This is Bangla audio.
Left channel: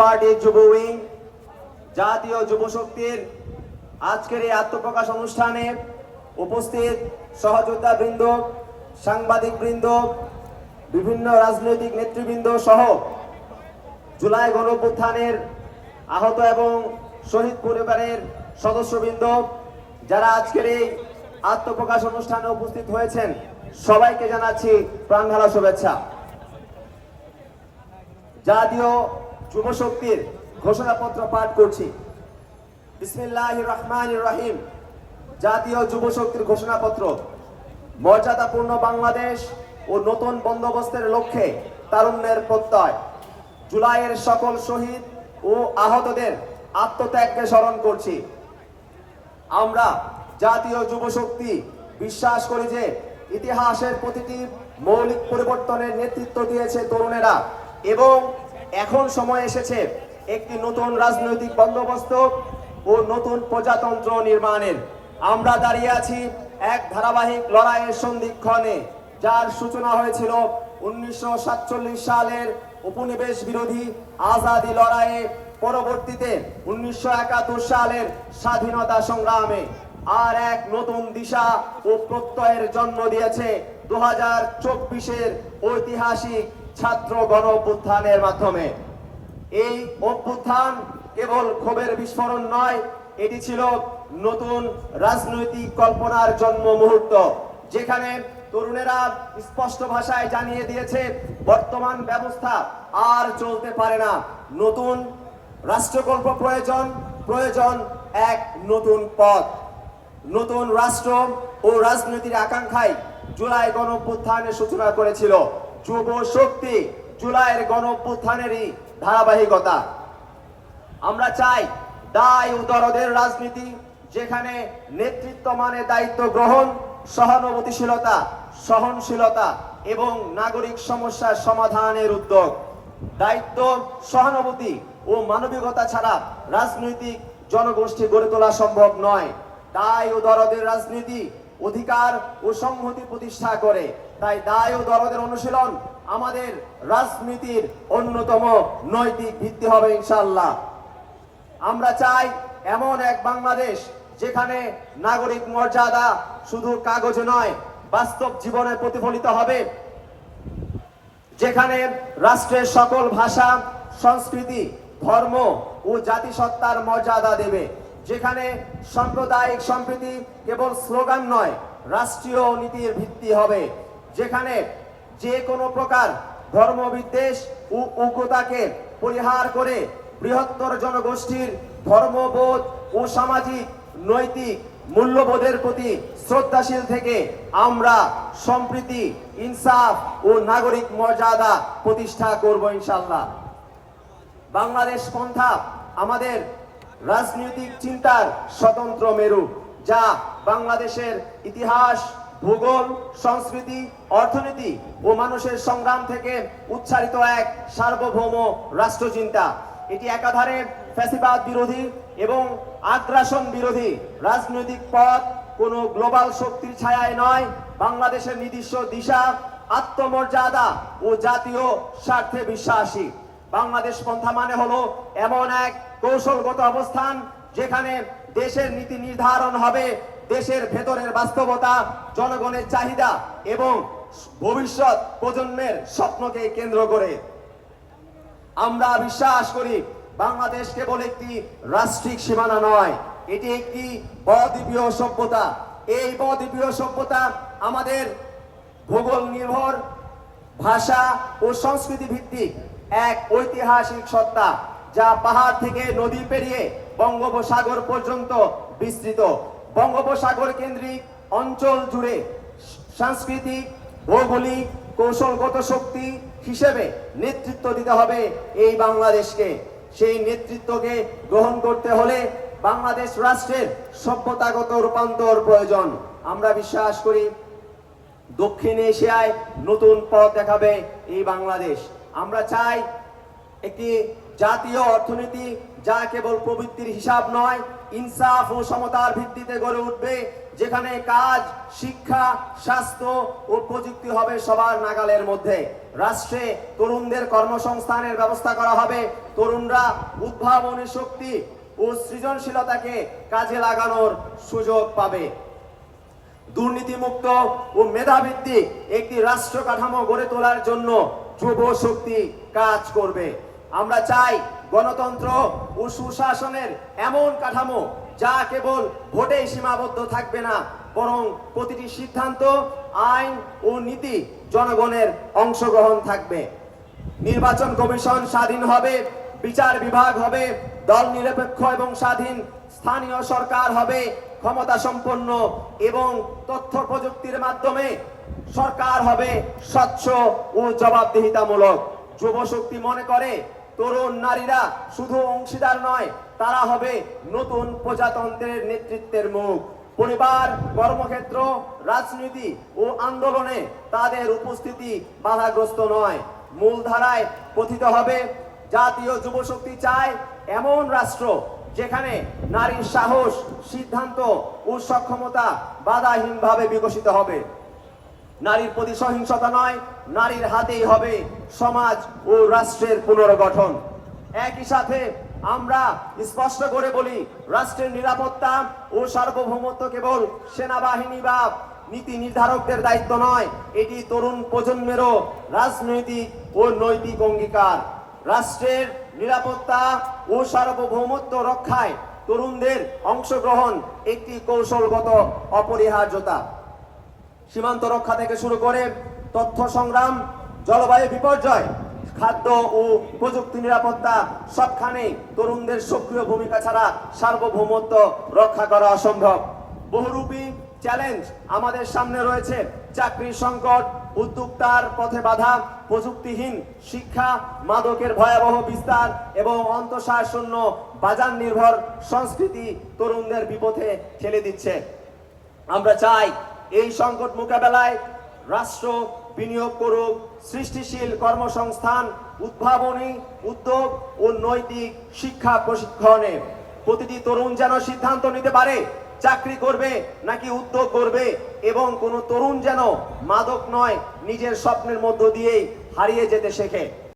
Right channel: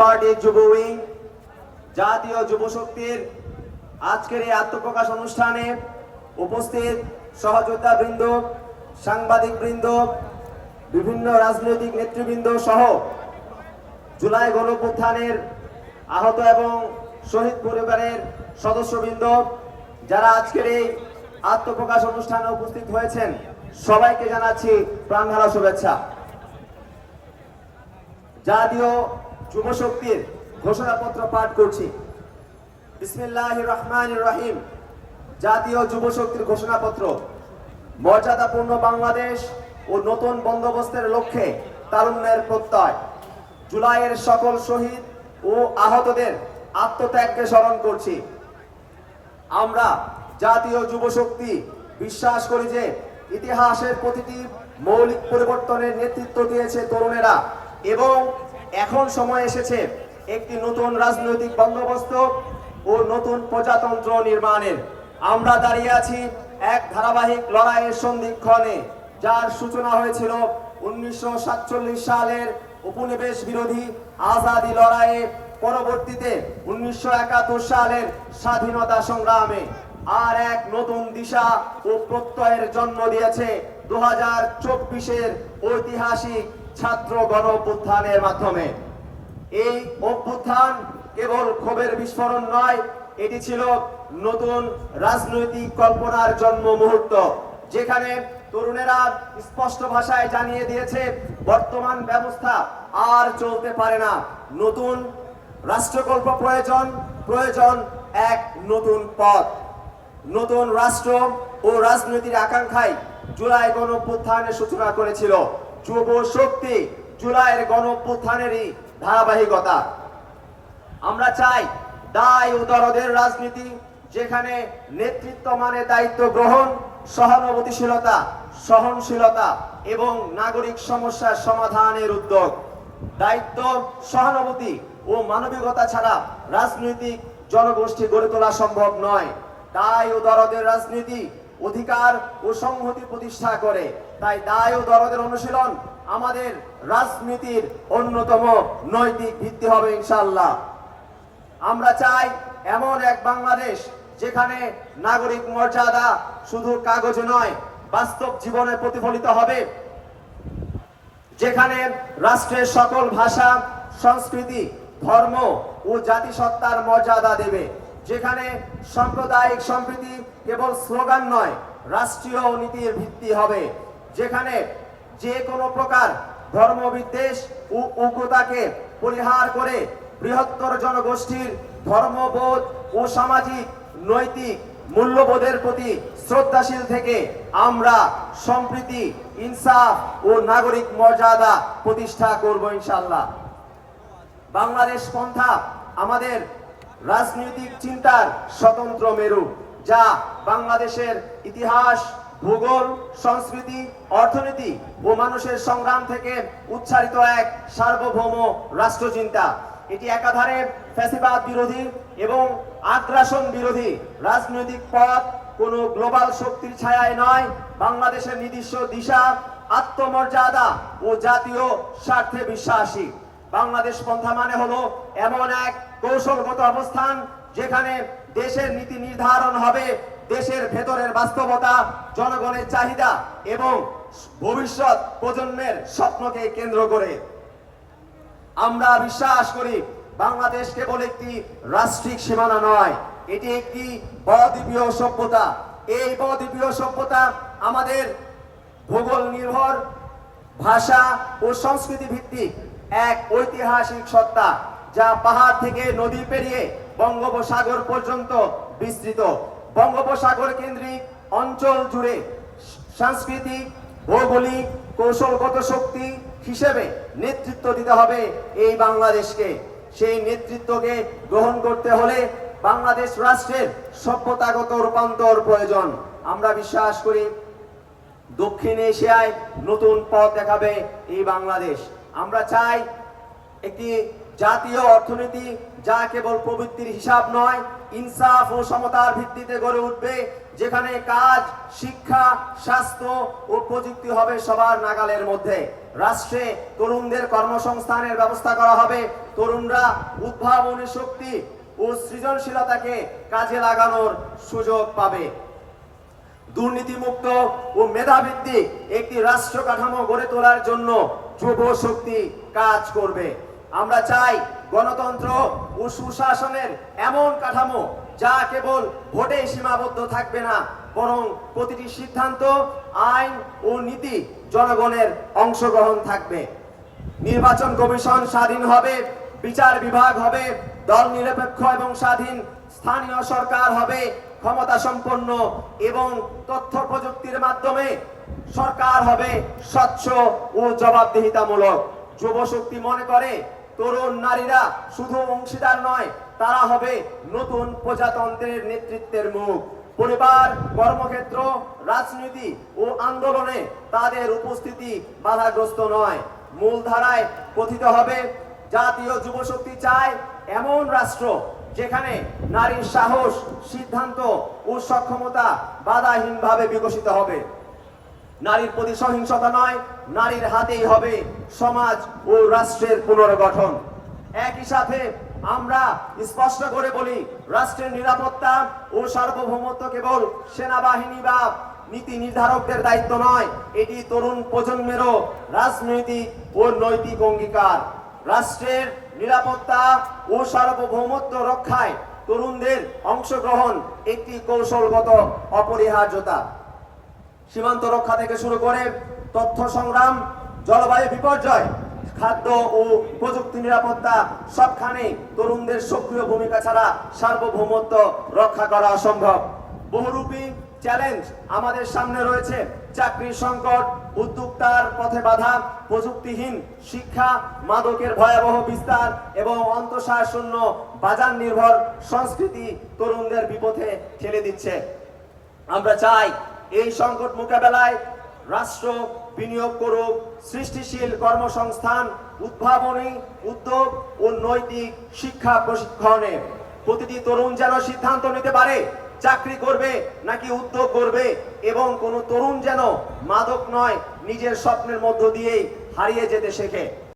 পার্টির যুব উইং, জাতীয় যুব শক্তির আজকের এই আত্মপ্রকাশ অনুষ্ঠানে উপস্থিত সহযোদ্ধা বৃন্দ, সাংবাদিক বৃন্দ, বিভিন্ন রাজনৈতিক নেতৃবৃন্দ সহ জুলাই গণঅভ্যুত্থানের আহত এবং শহীদ পরিবারের সদস্যবৃন্দ, যারা আজকের এই আত্মপ্রকাশ অনুষ্ঠানে উপস্থিত হয়েছেন, সবাইকে জানাচ্ছি প্রাণঢালা শুভেচ্ছা। জাতীয় যুব শক্তির ঘোষণাপত্র পাঠ করছি। বিসমিল্লাহ রহমান রহিম। জাতীয় যুব শক্তির ঘোষণাপত্র। মর্যাদাপূর্ণ বাংলাদেশ ও নতুন বন্দোবস্তের লক্ষ্যে তারুণ্যের প্রত্যয়। জুলাইয়ের সকল শহীদ ও আহতদের আত্মত্যাগকে স্মরণ করছি। আমরা জাতীয় যুব শক্তি বিশ্বাস করি যে ইতিহাসের প্রতিটি মৌলিক পরিবর্তনের নেতৃত্ব দিয়েছে তরুণেরা এবং এখন সময় এসেছে একটি নতুন রাজনৈতিক বন্দোবস্ত ও নতুন প্রজাতন্ত্র নির্মাণের। আমরা দাঁড়িয়ে আছি এক ধারাবাহিক লড়াইয়ের সন্ধিক্ষণে, যার সূচনা হয়েছিল উনিশশো সাতচল্লিশ সালের উপনিবেশ বিরোধী আজাদি লড়াইয়ে, পরবর্তীতে উনিশশো একাত্তর সালের স্বাধীনতা সংগ্রামে। আর এক নতুন দিশা ও প্রত্যয়ের জন্ম দিয়েছে দু হাজার ঐতিহাসিক ছাত্র গণ অভ্যুত্থানের মাধ্যমে। এই অভ্যুত্থান কেবল ক্ষোভের বিস্ফোরণ নয়, এটি ছিল নতুন রাজনৈতিক কল্পনার জন্ম মুহূর্ত, যেখানে তরুণেরা স্পষ্ট ভাষায় জানিয়ে দিয়েছে, বর্তমান ব্যবস্থা আর চলতে পারে না। নতুন রাষ্ট্রকল্প প্রয়োজন প্রয়োজন এক নতুন পথ। নতুন রাষ্ট্র ও রাজনীতির আকাঙ্ক্ষায় জুলাই গণ সূচনা করেছিল। যুব শক্তি জুলাইয়ের গণ ধারাবাহিকতা। আমরা চাই দায় ও দরদের রাজনীতি যেখানে নেতৃত্ব মানে দায়িত্ব গ্রহণ, সহানুভূতিশীলতা, সহনশীলতা এবং নাগরিক সমস্যার সমাধানের উদ্যোগ। দায়িত্ব, সহানুভূতি ও মানবিকতা ছাড়া রাজনৈতিক জনগোষ্ঠী গড়ে তোলা সম্ভব নয়। দায় ও দরদের রাজনীতি অধিকার ও সংহতি প্রতিষ্ঠা করে। তাই দায় ও দরদের অনুশীলন আমাদের রাজনীতির অন্যতম নৈতিক ভিত্তি হবে ইনশাল্লাহ আমরা চাই এমন এক বাংলাদেশ যেখানে নাগরিক মর্যাদা শুধু কাগজে নয়, বাস্তব জীবনে প্রতিফলিত হবে। যেখানে রাষ্ট্রের সকল ভাষা, সংস্কৃতি, ধর্ম ও জাতিসত্তার মর্যাদা দেবে। যেখানে সাম্প্রদায়িক সম্প্রীতি কেবল স্লোগান নয়, রাষ্ট্রীয় নীতির ভিত্তি হবে। যেখানে যে কোনো প্রকার ধর্মবিদ্বেষ ও উগ্রতাকে পরিহার করে বৃহত্তর জনগোষ্ঠীর ধর্মবোধ ও সামাজিক, নৈতিক মূল্যবোধের প্রতি শ্রদ্ধাশীল থেকে আমরা সম্প্রীতি, ইনসাফ ও নাগরিক মর্যাদা প্রতিষ্ঠা করব ইনশাল্লাহ বাংলাদেশ পন্থা আমাদের রাজনৈতিক চিন্তার স্বতন্ত্র মেরু, যা বাংলাদেশের ইতিহাস ভূগোল সংস্কৃতি, অর্থনীতি ও মানুষের সংগ্রাম থেকে উচ্চারিত এক সার্বভৌম রাষ্ট্রচিন্তা। এটি একাধারে ফ্যাসিবাদ বিরোধী এবং আগ্রাসন বিরোধী রাজনৈতিক পথ। কোনো গ্লোবাল শক্তির ছায়ায় নয়, বাংলাদেশের নির্দিষ্ট দিশা, আত্মমর্যাদা ও জাতীয় স্বার্থে বিশ্বাসী। বাংলাদেশ পন্থা মানে হলো এমন এক কৌশলগত অবস্থান যেখানে দেশের নীতি নির্ধারণ হবে দেশের ভেতরের বাস্তবতা, জনগণের চাহিদা এবং ভবিষ্যৎ প্রজন্মের স্বপ্নকে কেন্দ্র করে। আমরা বিশ্বাস করি, বাংলাদেশ কেবল একটি রাষ্ট্রিক সীমানা নয়, এটি একটি বদ্বীপীয় সভ্যতা। এই বদ্বীপীয় সভ্যতা আমাদের ভূগোল নির্ভর ভাষা ও সংস্কৃতি ভিত্তিক এক ঐতিহাসিক সত্তা, যা পাহাড় থেকে নদী পেরিয়ে বঙ্গোপসাগর পর্যন্ত বিস্তৃত। বঙ্গোপসাগর কেন্দ্রিক অঞ্চল জুড়ে সাংস্কৃতিক, ভৌগোলিক, কৌশলগত শক্তি হিসেবে নেতৃত্ব দিতে হবে এই বাংলাদেশকে। সেই নেতৃত্বকে গ্রহণ করতে হলে বাংলাদেশ রাষ্ট্রের সভ্যতাগত রূপান্তর প্রয়োজন। আমরা বিশ্বাস করি, দক্ষিণ এশিয়ায় নতুন পথ দেখাবে এই বাংলাদেশ। আমরা চাই একটি জাতীয় অর্থনীতি যা কেবল প্রবৃত্তির হিসাব নয় ইনসাফ ও সমতার ভিত্তিতে গড়ে উঠবে, যেখানে কাজ, শিক্ষা, স্বাস্থ্য ও প্রযুক্তি হবে সবার নাগালের মধ্যে। রাষ্ট্রে তরুণদের কর্মসংস্থানের ব্যবস্থা করা হবে। তরুণরা উদ্ভাবনী শক্তি ও সৃজনশীলতাকে কাজে লাগানোর সুযোগ পাবে। দুর্নীতিমুক্ত ও মেধাভিত্তিক একটি রাষ্ট্র কাঠামো গড়ে তোলার জন্য যুব শক্তি কাজ করবে। আমরা চাই গণতন্ত্র ও সুশাসনের এমন কাঠামো যা কেবল ভোটে সীমাবদ্ধ থাকবে না, বরং প্রতিটি সিদ্ধান্ত, আইন ও নীতি জনগণের অংশগ্রহণ থাকবে। নির্বাচন কমিশন স্বাধীন হবে, বিচার বিভাগ হবে, দল নিরপেক্ষ এবং স্বাধীন, স্থানীয় সরকার হবে, ক্ষমতা সম্পন্ন এবং তথ্য প্রযুক্তির মাধ্যমে সরকার হবে স্বচ্ছ ও জবাবদিহিতামূলক। যুব শক্তি মনে করে তরুণ নারীরা শুধু অংশীদার নয়, তারা হবে নতুন প্রজাতন্ত্রের নেতৃত্বের মুখ। পরিবার, কর্মক্ষেত্র, রাজনীতি ও আন্দোলনে তাদের উপস্থিতি বাধাগ্রস্ত নয়। মূলধারায় কথিত হবে, জাতীয় যুবশক্তি চায় এমন রাষ্ট্র যেখানে নারীর সাহস, সিদ্ধান্ত ও সক্ষমতা বাধাহীনভাবে বিকশিত হবে। নারীর প্রতি সহিংসতা নয়, নারীর হাতেই হবে সমাজ ও রাষ্ট্রের পুনর্গঠন। একই সাথে আমরা স্পষ্ট করে বলি, রাষ্ট্রের নিরাপত্তা ও সার্বভৌমত্ব কেবল সেনাবাহিনী বা নীতি নির্ধারকদের দায়িত্ব নয়, এটি তরুণ প্রজন্মেরও রাজনৈতিক ও নৈতিক অঙ্গীকার। রাষ্ট্রের নিরাপত্তা ও সার্বভৌমত্ব রক্ষায় তরুণদের অংশগ্রহণ একটি কৌশলগত অপরিহার্যতা। সীমান্ত রক্ষা থেকে শুরু করে তথ্য সংগ্রাম, জলবায়ু বিপর্যয়, খাদ্য ও প্রযুক্তি নিরাপত্তা, সবখানে তরুণদের সক্রিয় ভূমিকা ছাড়া সার্বভৌমত্ব রক্ষা করা অসম্ভব। বহুরূপী চ্যালেঞ্জ আমাদের সামনে রয়েছে। চাকরির সংকট, উদ্যোক্তার পথে বাধা, প্রযুক্তিহীন শিক্ষা, মাদকের ভয়াবহ বিস্তার এবং অন্তঃসার শূন্য বাজার নির্ভর সংস্কৃতি তরুণদের বিপথে ঠেলে দিচ্ছে। আমরা চাই এই সংকট মোকাবেলায় রাষ্ট্র বিনিয়োগ করুক, সৃষ্টিশীল কর্মসংস্থান, উদ্ভাবনী উদ্যোগ ও নৈতিক শিক্ষা প্রশিক্ষণে। প্রতিটি তরুণ যেন সিদ্ধান্ত নিতে পারে, চাকরি করবে নাকি উদ্যোগ করবে, এবং কোনো তরুণ যেন মাদক নয়, নিজের স্বপ্নের মধ্য দিয়েই হারিয়ে যেতে শেখে।